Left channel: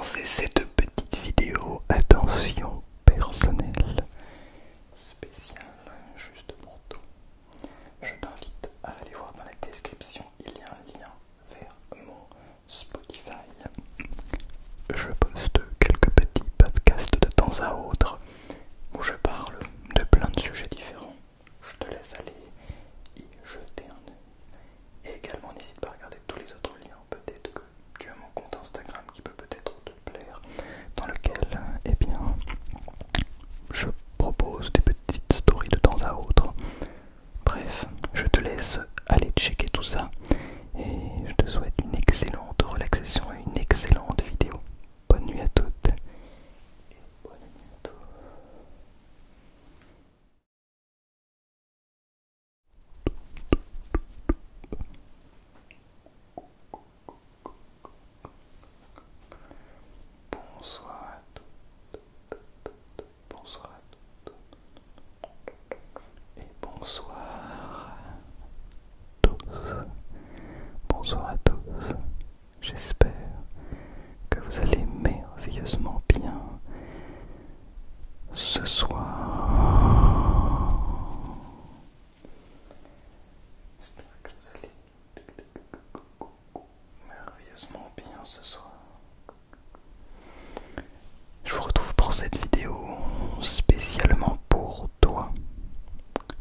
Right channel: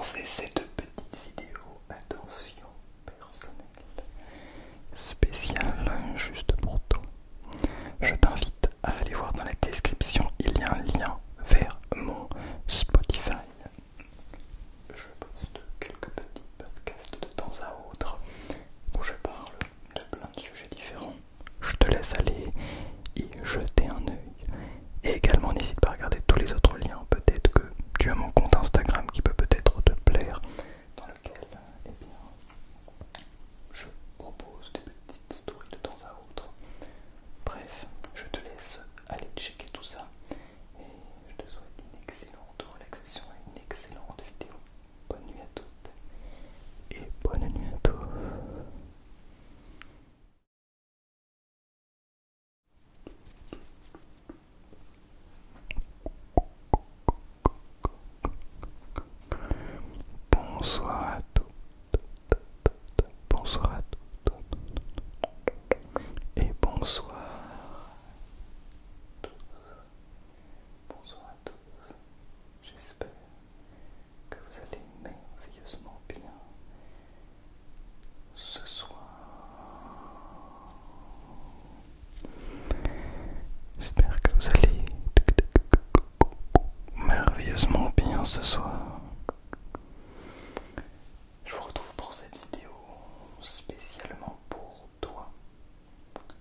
commencer ces deux petites vidéos, attention personnelle, spéciale, juste pour toi. Je t'invite à aller voir dans la description, il y a un lien vers mon Spotify. Je poste quelques petits podcasts de temps à autre où je parle de plein de sujets différents. Je te laisse aller y jeter un œil. Et également n'hésite pas à regarder tous les autres liens. Peut-être que tu as mon compte Instagram qui peut peut-être te plaire, dans lequel eh bien, je propose des petites stories de temps à autre. Bref, je te laisse aller checker tout ça. Et je te souhaite une excellente relaxation et une excellente vidéo. Bonne nuit à toutes et bonne nuit à tous. Bonsoir à toutes, bonsoir à toutes et bonsoir à tous. Bonsoir à tous. J'espère que vous allez merveilleusement bien ce soir. J'espère que vous allez merveilleusement bien ce soir. Je vous retrouve pour cette vidéo spécialement pour toi.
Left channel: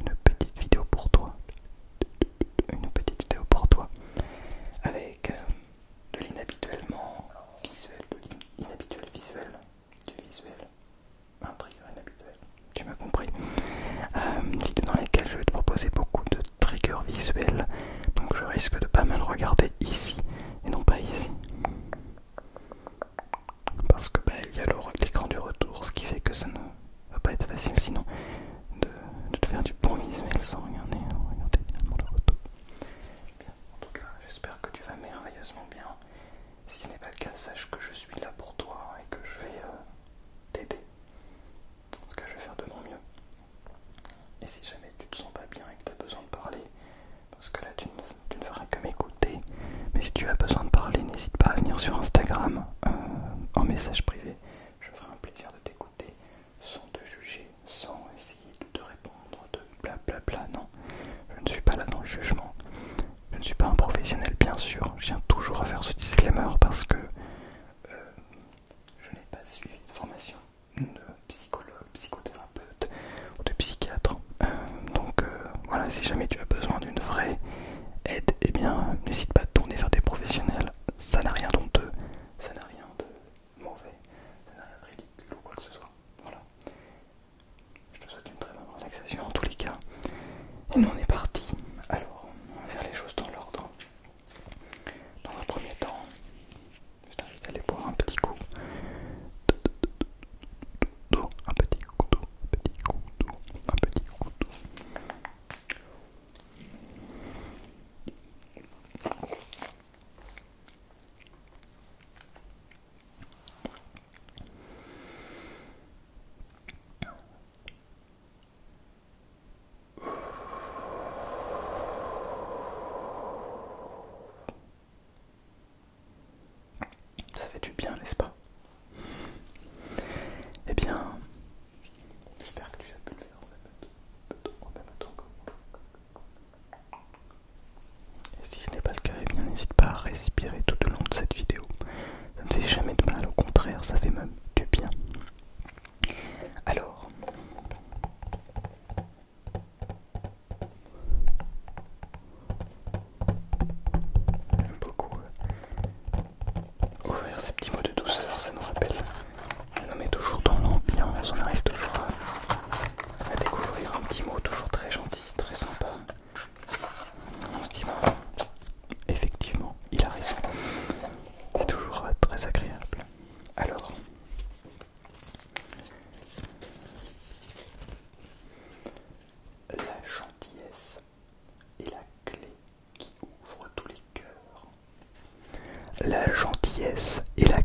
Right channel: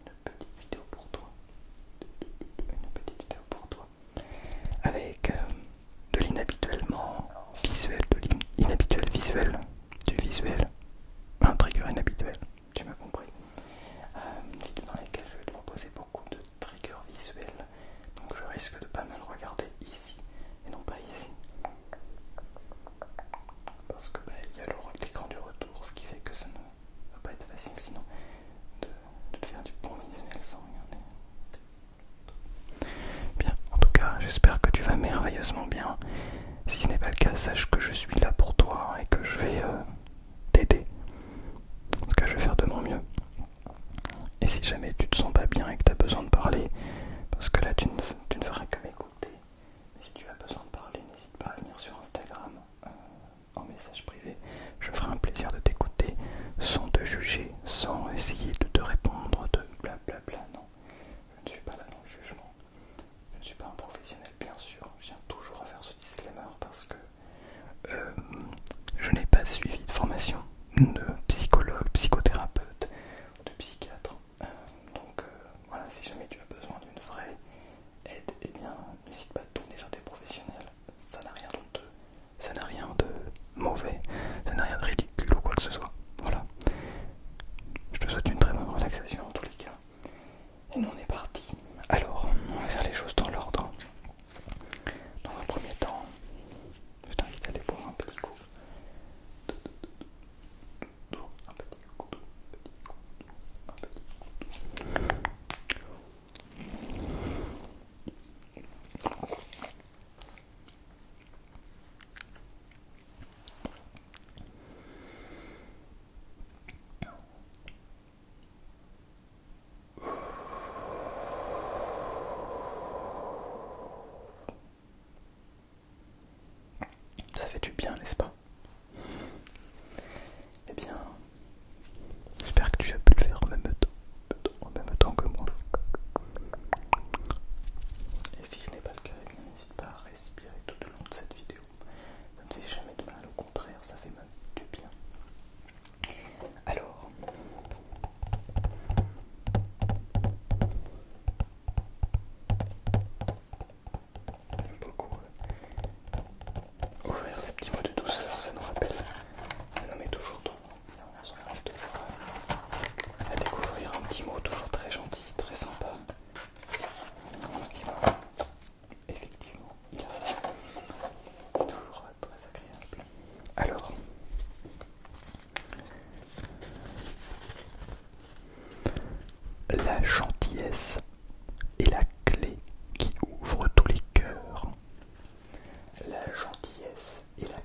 Une petite vidéo pour toi. Une petite vidéo pour toi. Avec de l'inhabituellement visuel, l'inhabituel visuel, du visuel, un trigger inhabituel, tu m'as compris. Une vidéo dans laquelle je vais te proposer beaucoup de triggers visuels, donc je risque de pas mal regarder ici et non pas ici. Parce que il y a l'écran du retour, ce qui fait que ça ne va pas être facile sinon de te faire du bon visuel sans regarder finalement le retour. Bien, en tout cas, j'espère que tu vas merveilleusement bien. Si ce n'est pas le cas, sache que je suis là pour toi et que je vais t'aider. En tout cas, je vais faire de mon mieux. Et si jamais tu te sens pas bien et que tu as besoin de parler, parce que là tu ne feras que m'écouter, mais si tu as besoin de parler, n'hésite pas à venir sur Instagram en message privé. Je ferai un plaisir de t'écouter sans te juger, sans essayer de te répondre de blablabla. Non, je ne suis pas là dans le jugement. Je ne suis pas un professionnel, bien sûr. Je tiens toujours à faire ce disclaimer parce que je n'ai pas suivi de formation de psychologue, psychothérapeute ou de psychiatre. Donc voilà, si jamais tu as besoin d'une vraie aide, eh bien n'hésite pas à te tourner vers des professionnels. Ça n'a rien d'honteux, ça n'a rien de mauvais, ça n'a rien de ridicule ou quoi que ce soit. Voilà. Je te souhaite une très bonne relaxation en tous les cas. Et nous on est parti. Alors, on va faire les choses dans l'ordre. Dans un premier temps, je t'invite à aller boire un petit coup d'eau, un petit coup d'eau, un petit coup d'eau, un petit coup d'eau. Ça fait du bien, n'est-ce pas? Eh bien, j'espère que tu as pu le faire en même temps que moi. Et si ce n'est pas le cas, eh bien n'hésite pas à respirer tout au long de cette vidéo. Ça ne fait jamais de mal, au contraire, ça fait même du bien. Alors, j'aime beaucoup ouvrir ces petits mots de douceur, ça nous rappelle. On est toujours dans l'ambiance, on arrive toujours à découvrir un petit mot toujours très gentil, très sympa. On se dit, bon, effectivement, il a raison. C'est toujours très agréable. Alors, la gentillesse est la clé qui ouvre tous les cœurs. La gentillesse est la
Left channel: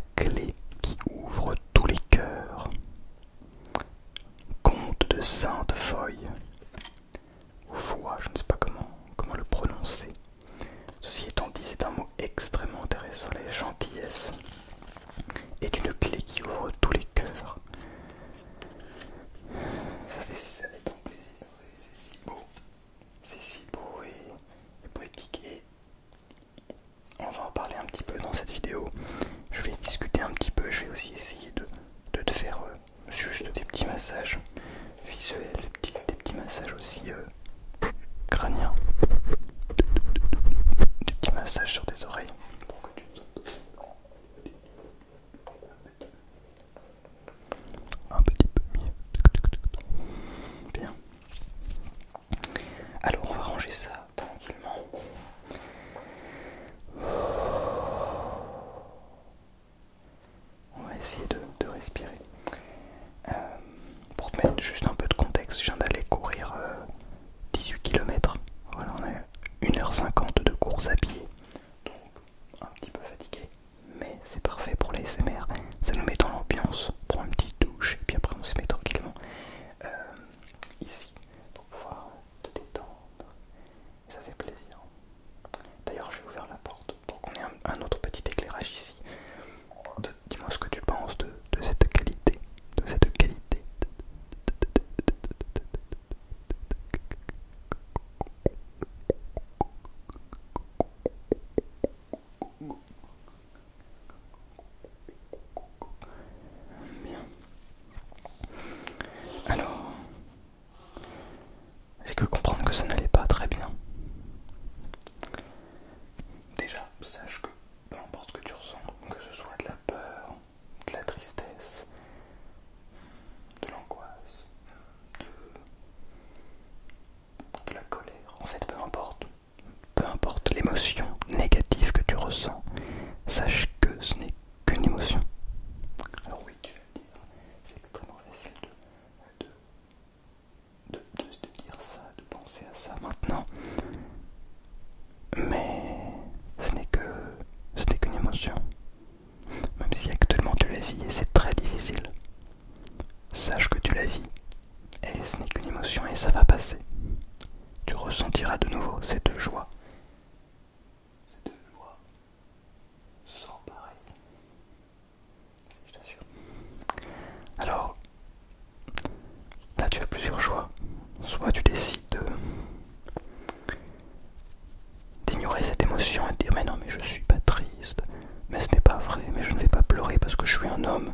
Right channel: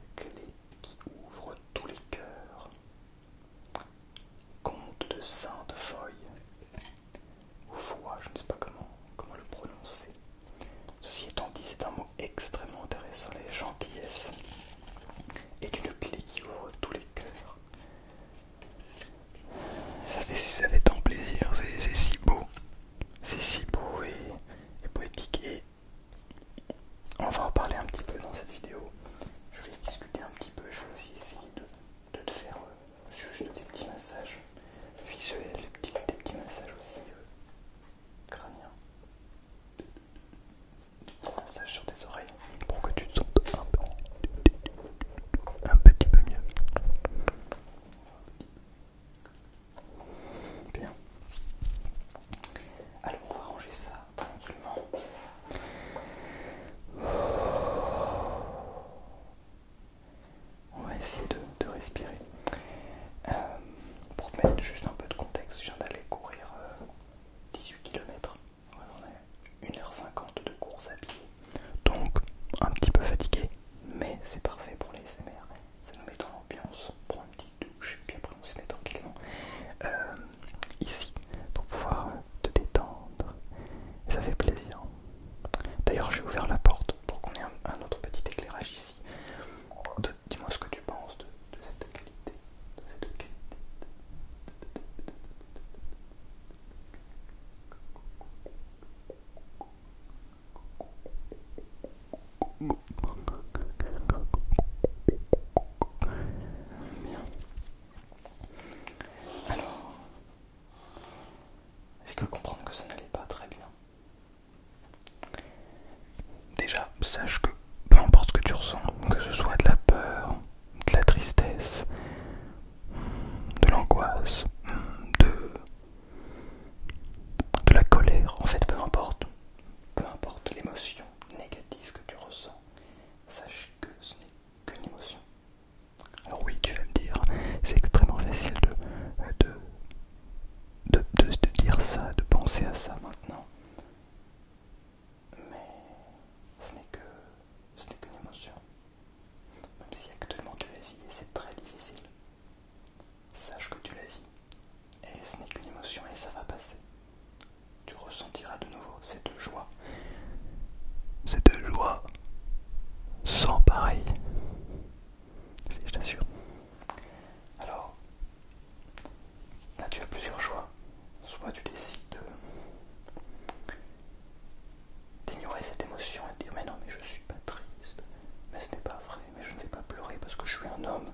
es un homme,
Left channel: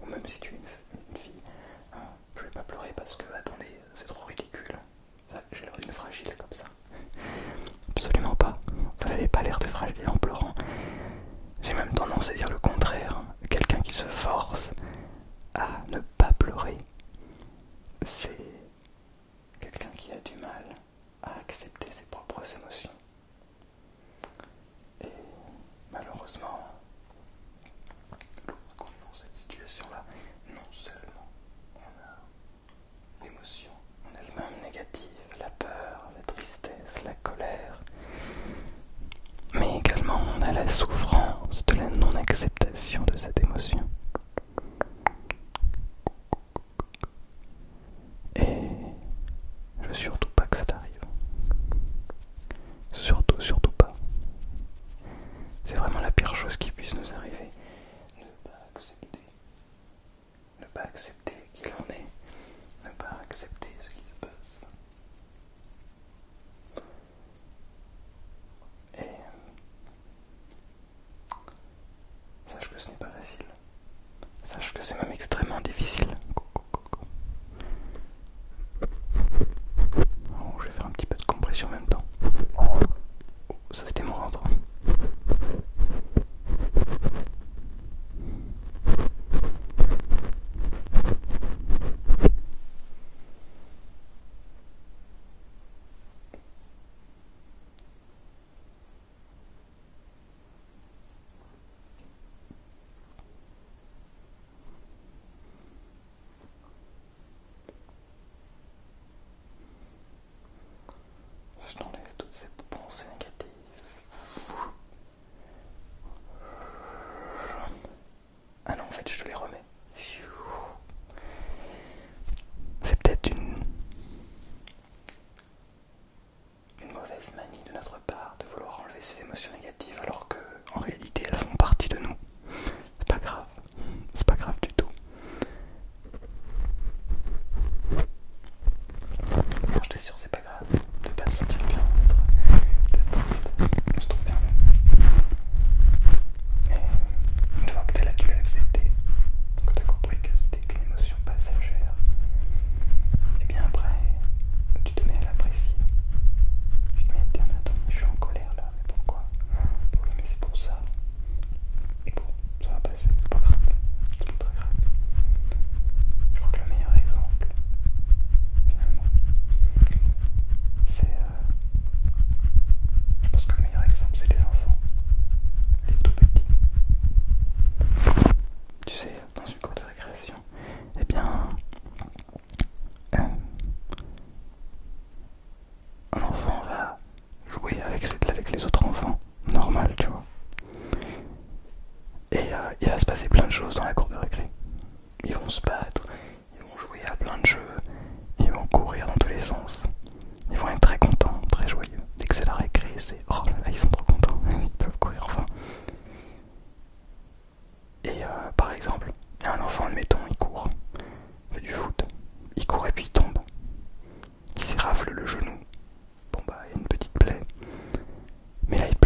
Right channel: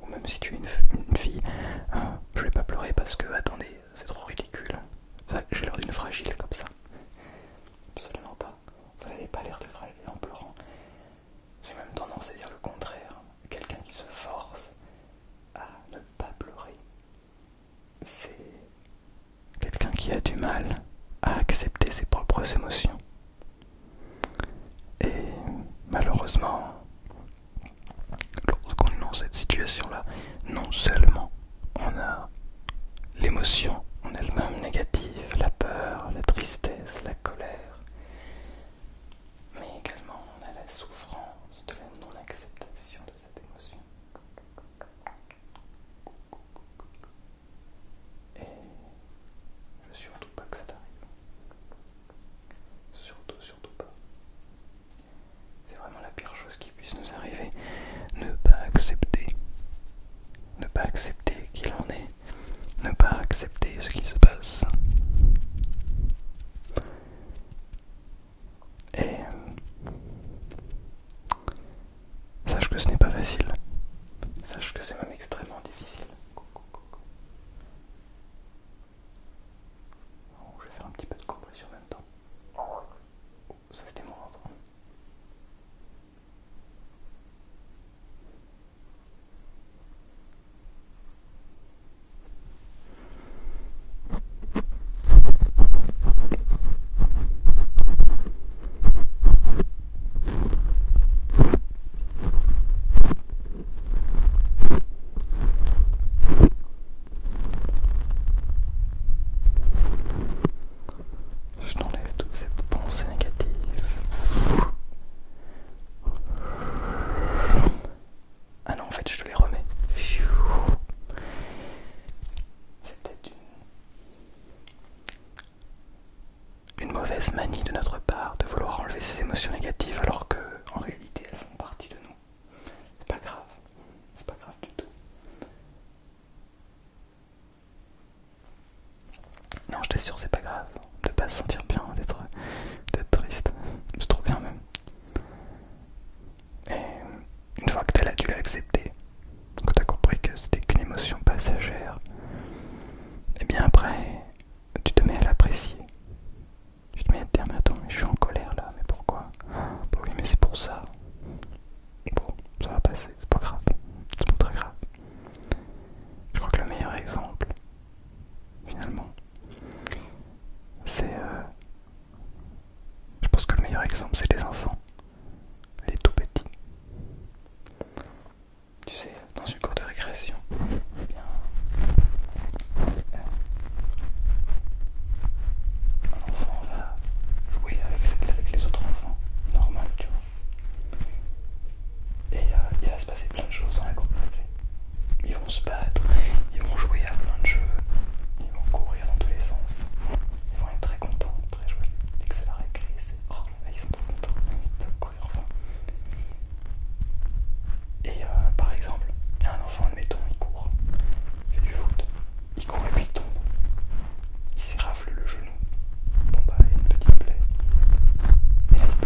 ou même si tu es une fille, hein, je vais pas pleurer parce que, attendez, c'est trop ridicule. J'ai l'air d'une fragile comme ça. Absolument pas. Vous n'avez pas l'air de fragile en pleurant. J'ai même tendance à dire le contraire. Quelqu'un qui se force à ne pas pleurer, c'est quelqu'un qui a du mal à accepter ses propres émotions. Et malheureusement, lorsqu'on est dans cette situation-là, non seulement on a l'émotion en elle-même négative, la peur, la tristesse, la colère, mais également on a la souffrance de la non-acceptation de cette émotion. Et je veux surtout pas que ça t'arrive. Surtout pas. C'est vraiment la pire chose qui puisse nous arriver. Ne pas accepter. Ne pas accepter qui l'on est. Ne pas accepter ce qui se passe. Et sache que ce n'est pas facile. Sache que c'est même extrêmement difficile. Oh, je vais faire un petit peu de compression en même temps. Oh, ça c'était mon ventre. Je t'enlève toutes ces pensées négatives. Ah non, en fait, je te les remets. C'est peut-être une mauvaise manie de notre part de vouloir enlever ces émotions négatives alors que, en réalité, elles font partie de nous. C'est pas grave. C'est pas grave du tout. Non, je t'assure, c'est pas grave de pas se sentir bien, d'être triste. C'est trop bien même. Et une fois que tu l'as accepté, que tu as compris que c'était qu'une émotion passagère, et bien après, tu te mets à l'apprécier. Tu te mets à te dire, mais attends, mais je suis en colère là, mais pourquoi? Bah oui, mais c'est pour ça. Bon, ça va passer, c'est pas grave. C'est pas très grave. Je crois que le meilleur exemple, finalement, c'est... je pense que le meilleur exemple, c'est les enfants. Les tout petits. Tu sais, dans une cour de récréation, eh bien... un enfant va jouer avec les autres enfants, normal, tu vois. Et il va se passer plein de choses dans la cour de récré. Ils vont se battre, ils vont jouer à plein de jeux, ils vont courir dans tous les sens. Ils vont être très contents, très joyeux. Dès que c'est la récré, c'est oh là là, ils sont trop contents, ils peuvent courir enfin. Et par exemple, il y a un enfant, admettons, il court, il fait du foot, il court et puis il tombe. Il s'érafle le genou. Bon bah, il y a une petite plaie. Mais là, il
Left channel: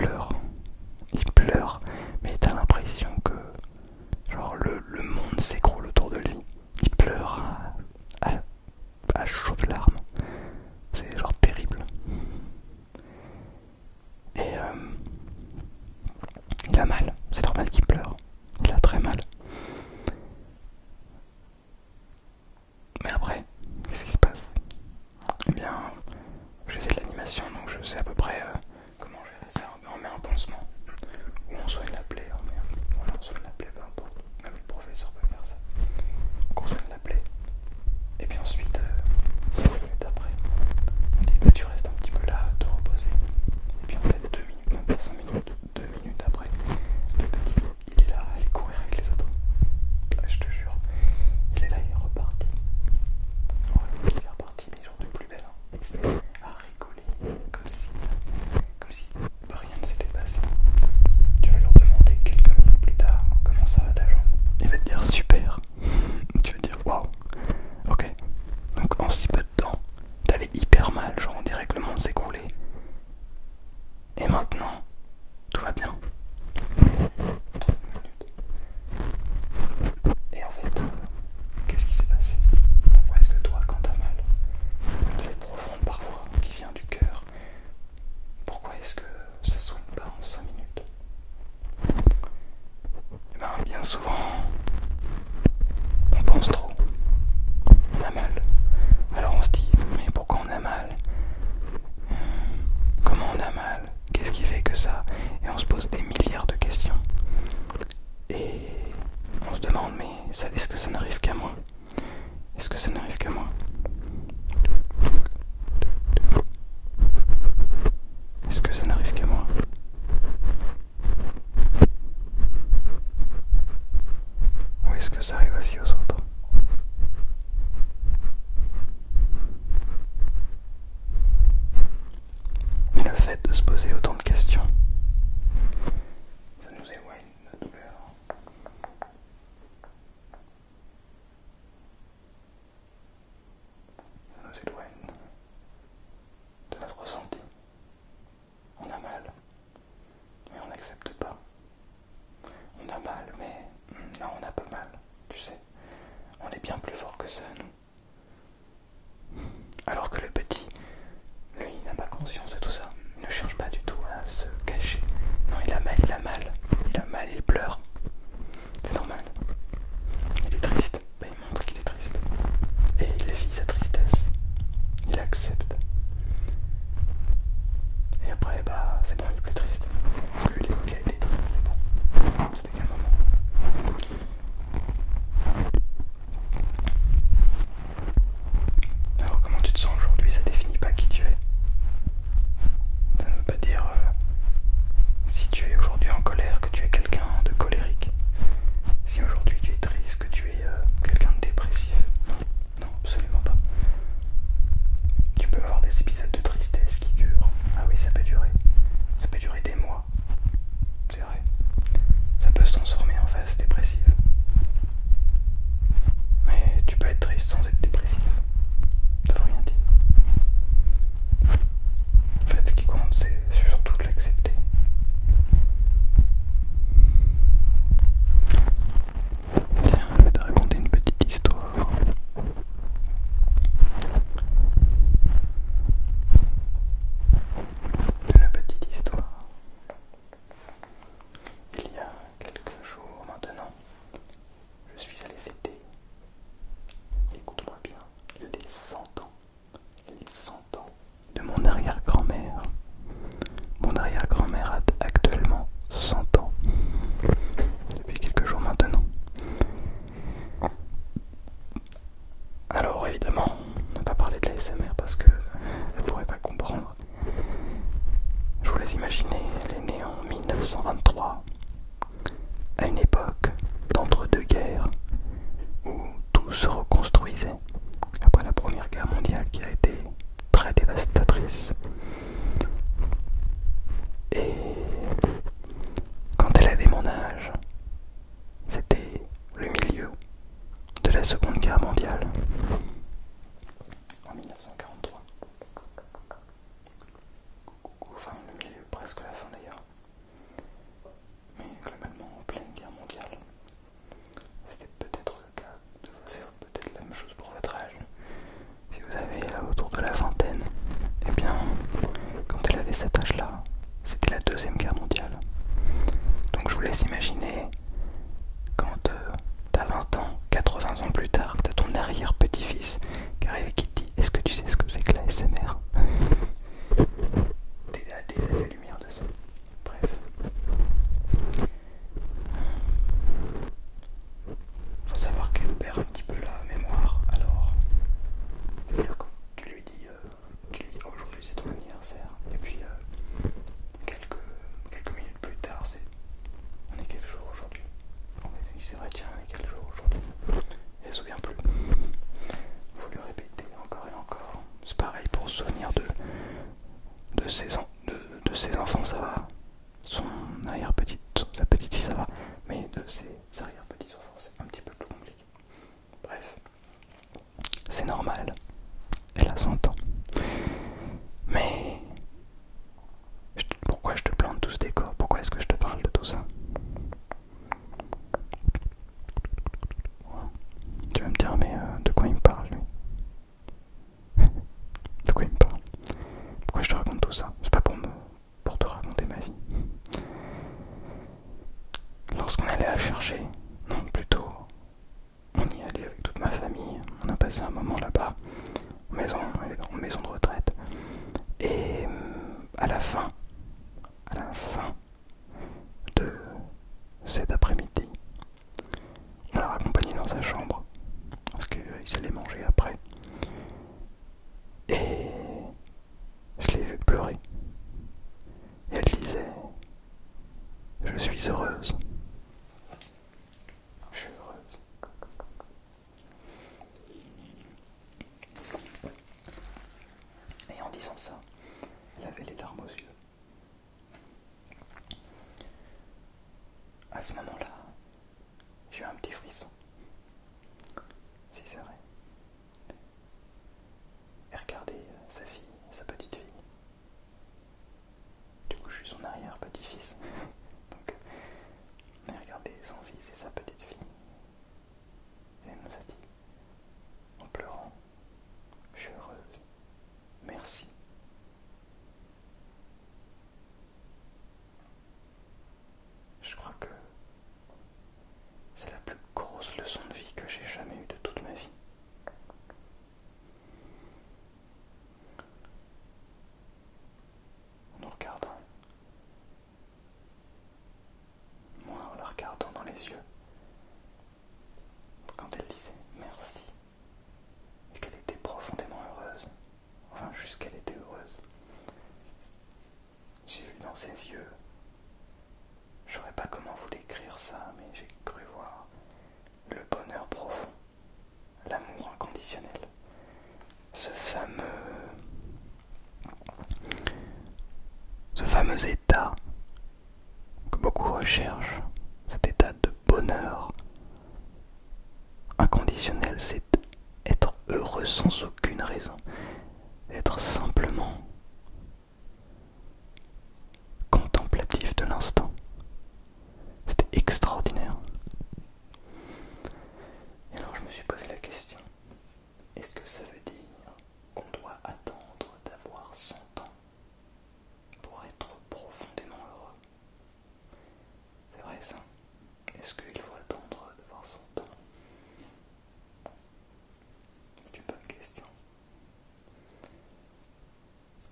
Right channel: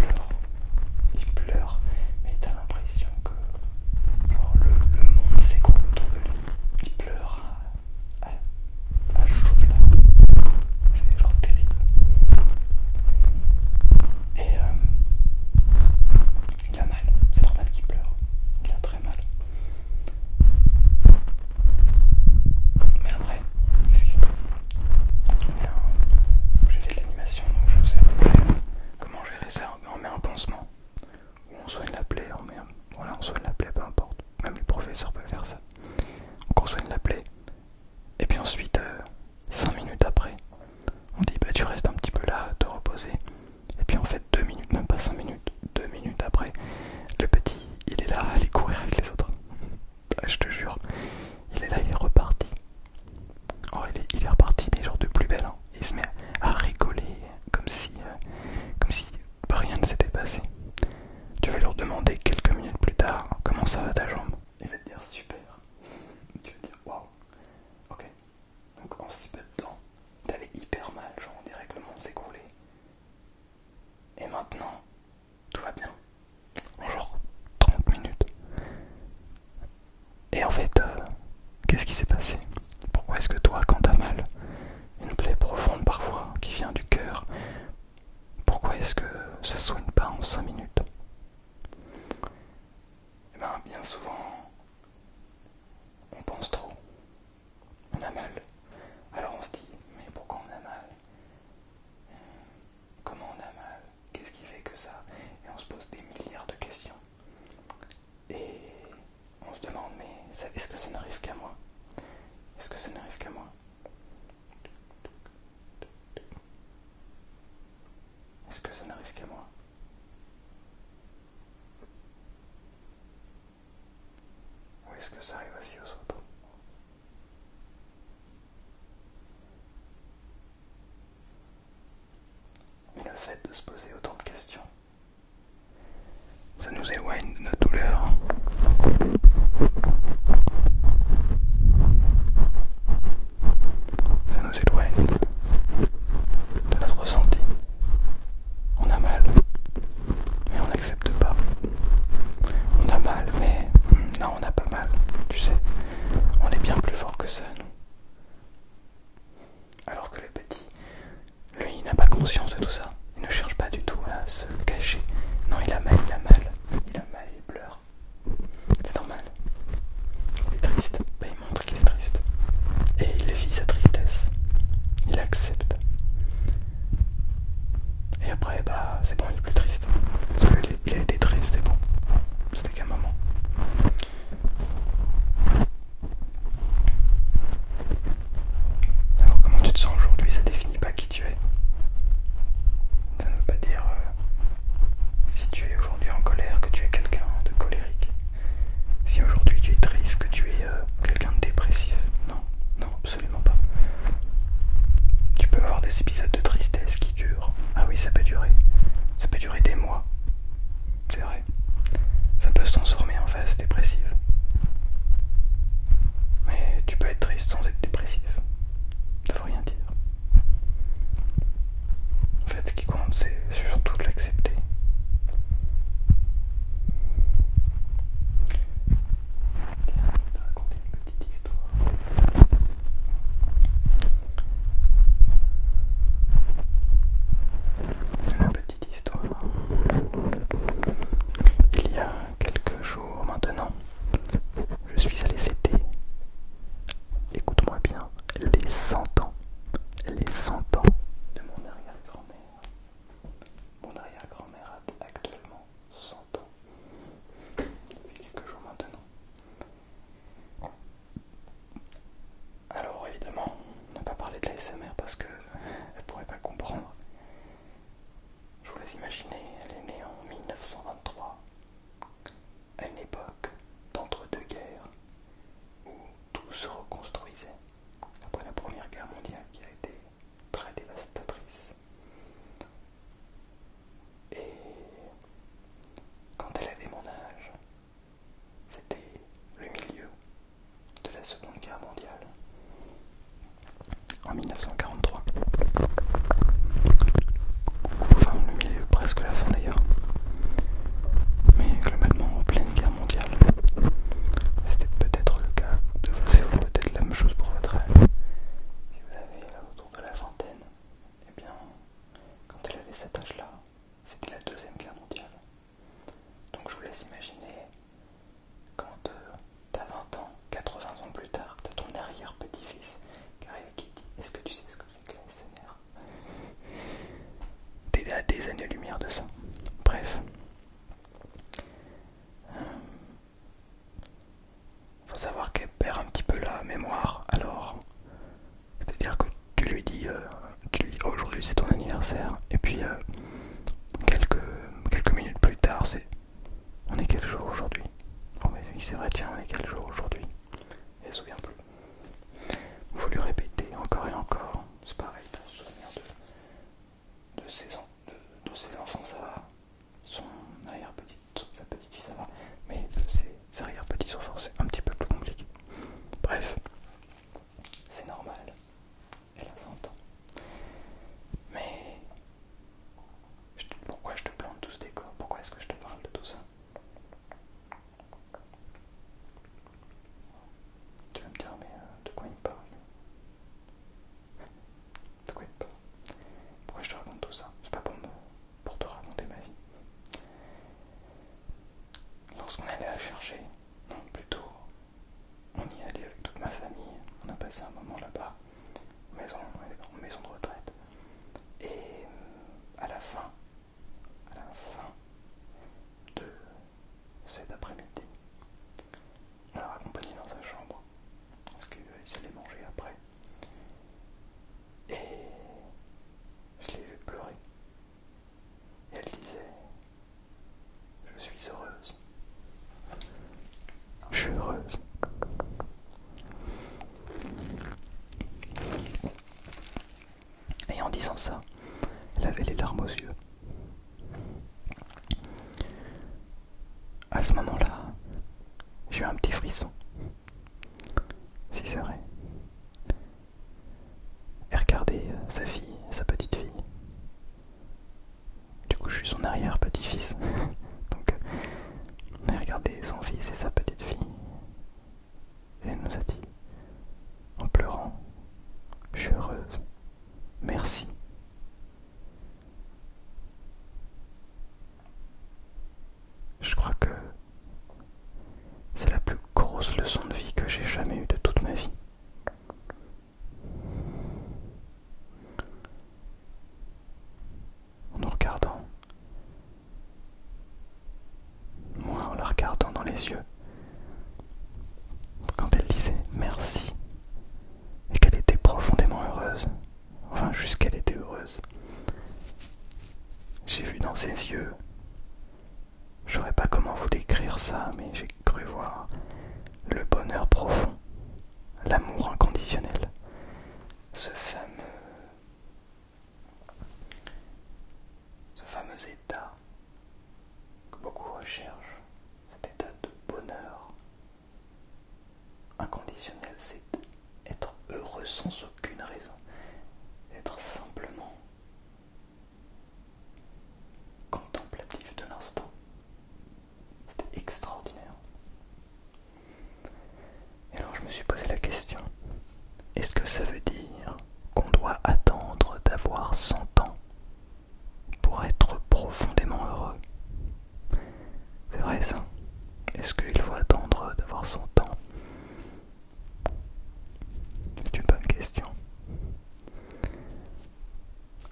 pleure, mais t'as l'impression que genre le monde s'écroule autour de lui. Il Et en fait, qu'est-ce qui s'est passé? Pourquoi est-ce que toi, quand t'as mal, une plaie profonde parfois, qui vient du cœur, pourquoi est-ce que ça ne soigne pas en 5 minutes? Eh bien, bien souvent, on pense trop, on a mal. Alors on se dit, mais pourquoi on a mal? Comment on a mal? Qu'est-ce qui fait que ça? Et on se pose des milliards de questions. Et on se demande, mais est-ce que ça n'arrive qu'à moi? Est-ce que ça n'arrive qu'à moi? Est-ce que ça n'arrive qu'à moi? Ou est-ce que ça arrive aussi aux autres? Mais le fait de se poser autant de questions, ça nous éloigne de notre douleur. Ça nous éloigne de notre ressenti. On a mal, mais on n'accepte pas. On a mal, mais non, on n'a pas mal. Tu sais, on est bien plus fort que ça, nous. Alors que le petit, lui, il n'a pas conscience de tout ça. Il ne cherche pas du tout à se cacher. Non, il a mal, il a mal. Il a mal, il pleure. C'est normal. Il est triste. Ben, il montre qu'il est triste. Et il vit sa tristesse. Il accepte. Et après, bah, c'est bon, il est plus triste. Parce qu'il a été triste, c'est bon. C'était qu'un moment. Alors, comment tu te sens aujourd'hui? Ça définit pas qui tu es. Ça ne veut pas dire si tu es aujourd'hui en colère que tu es quelqu'un de colérique. Si aujourd'hui tu es triste que tu es quelqu'un de dépressif. Non, non, absolument pas. Tu peux avoir des épisodes de tristesse qui durent. Ah oui, ça peut durer. Ça peut durer des mois. C'est vrai. Ça peut se transformer en phase dépressive. Mais tu peux être triste sans être dépressif. Ça veut rien dire. En fait, ce qui compte, c'est surtout de l'accepter. Tiens, je vais te raconter une petite histoire. Une petite histoire. Il y a quelques jours maintenant, je suis allé fêter, écoute-moi bien, les 100 ans. Les 100 ans de mon arrière-grand-mère. Mon arrière-grand-mère a actuellement 100 ans. Depuis quelques jours maintenant. Alors évidemment, on n'a pas parlé de la SMR parce que elle pourrait pas comprendre. Je vous laisse imaginer, elle est née en 1923, à une époque d'entre-deux-guerres, où tout se reconstruisait après la Première Guerre mondiale qui a été très dévastatrice. Et quand elle avait mon âge, c'était le milieu de la Seconde Guerre mondiale, en 1943. Enfin, le milieu, presque la fin d'ailleurs. Mais globalement, en pleine guerre mondiale. C'était peut-être le cas de vous, c'est peut-être la même chose pour votre âge. Si vous avez là autour de la vingtaine, eh bien, quand elle avait cet âge-là, c'était la Deuxième Guerre mondiale. Donc je vous laisse imaginer, quand t'as 20 ans, 80 ans plus tard, t'as ton arrière-petit-fils qui arrive et qui te dit: est-ce que tu sais ce que c'est que la SMR? T'es à des années-lumière de ça. Bref. Faut savoir qu'elle perd un petit peu la mémoire, alors c'est-à-dire que tu lui dis oh, aujourd'hui c'est ton anniversaire, et puis quelques minutes plus tard, on est quel jour aujourd'hui? Oh mais oui, c'est vrai, tiens, on est quel jour aujourd'hui? Elle se souvient plus. Faut lui répéter encore et encore. C'est pareil pour se souvenir de ses enfants, ça va. Son sa petite fille, ça va. Mais de ses arrière-petits enfants, c'est un petit peu plus compliqué. Bref, c'est normal. Elle a 100 ans. Mais pourquoi je te plante tout ce décor? Pourquoi est-ce que je te parle de tout ça? suis heureuse. Et en disant ça, elle avait les larmes aux yeux. À ce moment-là, j'ai eu un petit frisson. Si c'est vrai. Et regardez sa fille, sa petite fille. Du coup, je suis son arrière-petit-fils. Donc, elle a regardé son fils et sa petite fille. Et elle nous a dit, en pleurant, je suis heureuse. Merci. Je crois que c'est la plus grosse leçon de vie que j'ai jamais eue de toute ma vie. En nous regardant, moi en la regardant dans les yeux, quand elle disait merci et qu'elle était profondément heureuse, enfin jusqu'elle était heureuse, j'ai vu dans ses yeux, je saurais pas comment vous décrire ça, mais j'ai cru voir le bonheur profond, l'amour inconditionnel, ce fameux état que beaucoup recherchent, cet état de bonheur inconditionnel, c'est être heureux sans aucune raison, être simplement contemplatif de l'instant. C'était extraordinaire. Et alors je me suis posé la question, est-ce que ça veut dire qu'on doit attendre d'avoir 100 ans pour être profondément heureux? C'est vrai ça? Est-ce qu'il faut attendre d'avoir 100 ans? C'est une bonne question.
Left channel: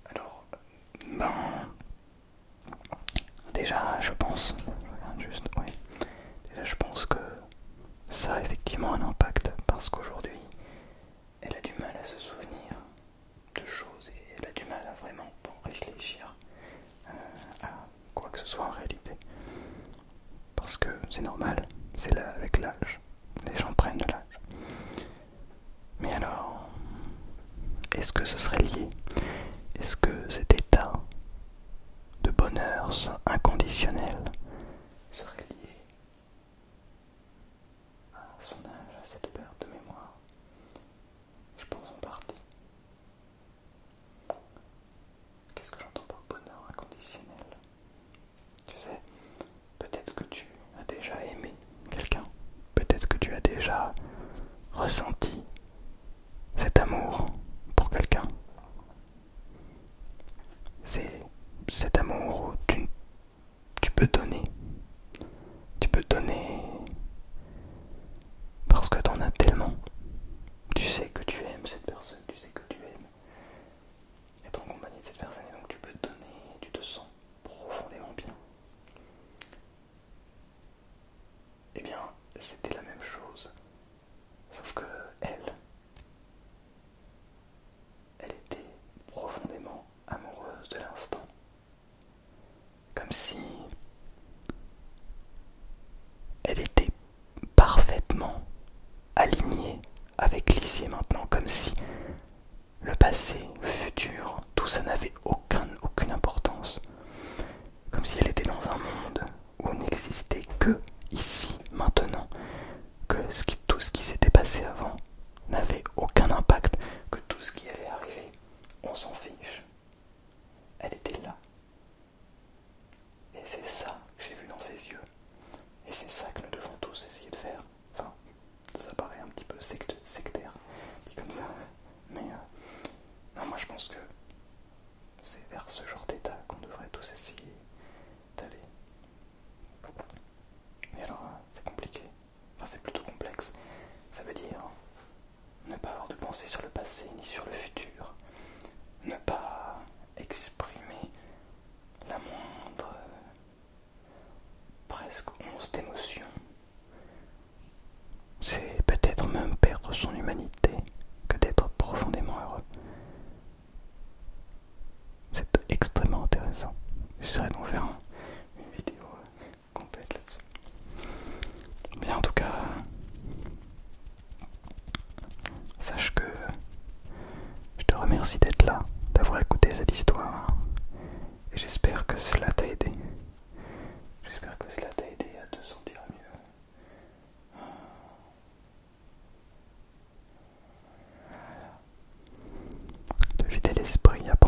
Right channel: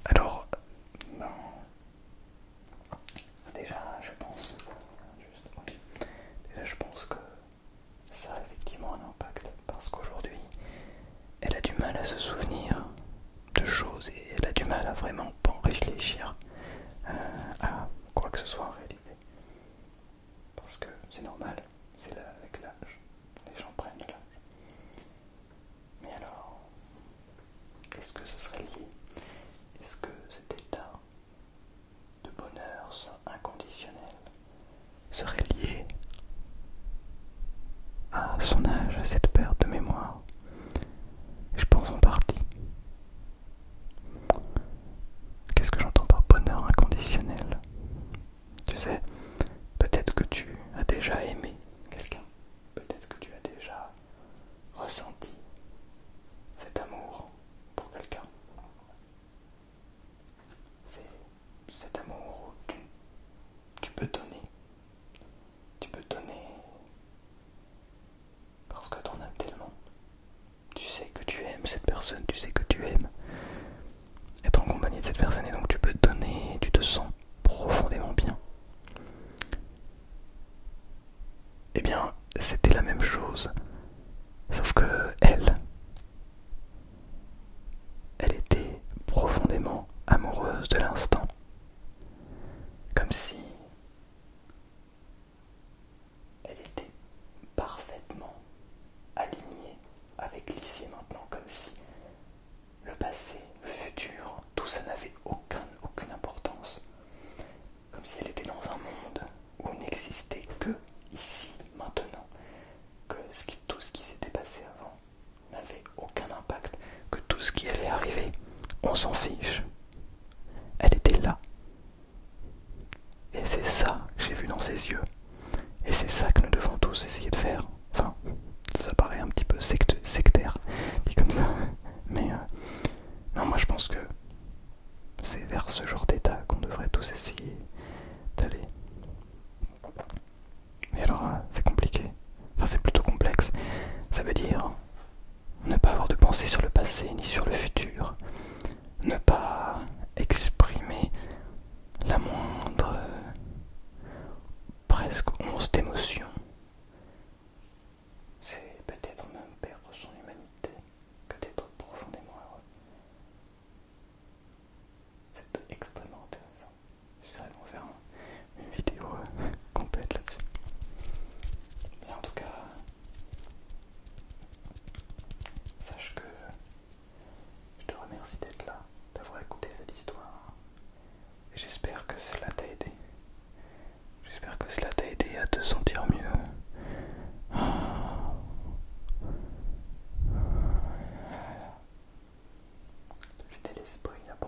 Alors, déjà je pense, déjà je pense que ça a effectivement un impact parce qu'aujourd'hui elle a du mal à se souvenir de choses et elle a du mal à vraiment réfléchir à quoi que ce soit en réalité. Parce que c'est normal, c'est là avec l'âge, les gens prennent de l'âge. Mais alors, est-ce que ce serait lié? Est-ce que cet état de bonheur inconditionnel serait lié à son âge, à cette perte de mémoire? Je pense en partie. Qu'est-ce que j'entends par bonheur inconditionnel? Tu sais, peut-être que tu as déjà aimé quelqu'un, peut-être que tu as déjà ressenti cet amour pour quelqu'un. C'est cet amour où tu peux donner. Tu peux donner parce que t'en as tellement. Tu sais que tu aimes cette personne, tu sais que tu aimes être en compagnie de cette personne et donc tu peux donner, tu te sens profondément bien. Eh bien, c'était la même chose, sauf que elle était profondément amoureuse de l'instant, comme si elle était parfaitement alignée avec l'ici et maintenant, comme si le passé, le futur, tout ça n'avait aucune importance, comme si elle était dans un monde où il n'existait que ici, maintenant, que tout ce qui s'était passé avant n'avait aucun impact, que tout ce qui allait arriver, on s'en fiche. Elle était là. Et c'est ça que j'ai vu dans ses yeux. Et c'est ça que nous devons tous essayer de faire. Enfin, ça paraît un petit peu sectaire, dit comme ça. Mais non, moi je pense que c'est vers ce genre d'état qu'on devrait tous essayer d'aller. Mais alors, c'est compliqué. Enfin, c'est plutôt complexe. Ça veut dire ne pas avoir de pensée sur le passé ni sur le futur. Ne pas exprimer la moindre, presque once d'émotion. C'est peut-être même perdre son humanité que d'être profondément heureux. C'est extrêmement intéressant. J'essaierai d'en faire une vidéo complète là-dessus. Bien, en tout cas,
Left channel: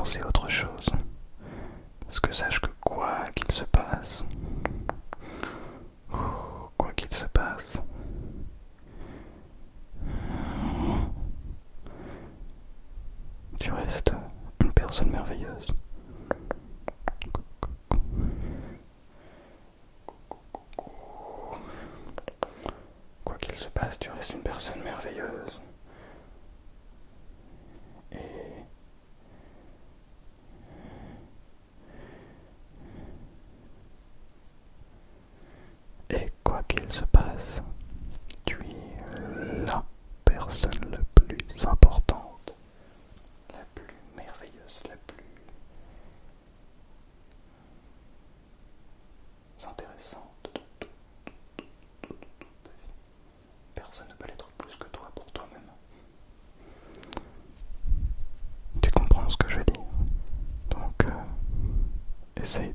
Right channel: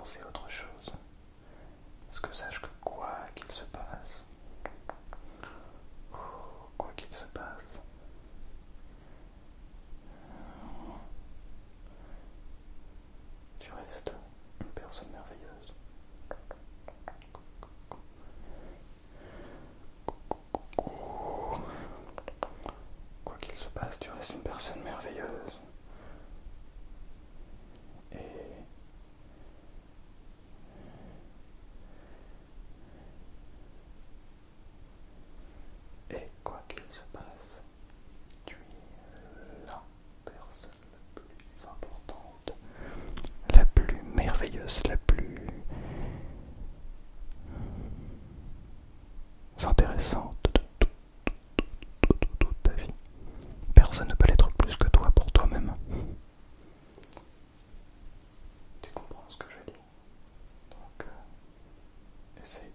penser à autre chose. Parce que sache que quoi qu'il se passe, quoi qu'il se passe, tu restes une personne merveilleuse. Quoi qu'il se passe, tu restes une personne merveilleuse. Et quoi qu'il se passe, tu es la personne la plus importante, la plus merveilleuse, la plus intéressante de toute ta vie. Personne ne peut l'être plus que toi pour toi-même. Tu comprends ce que je dis? Donc, essaye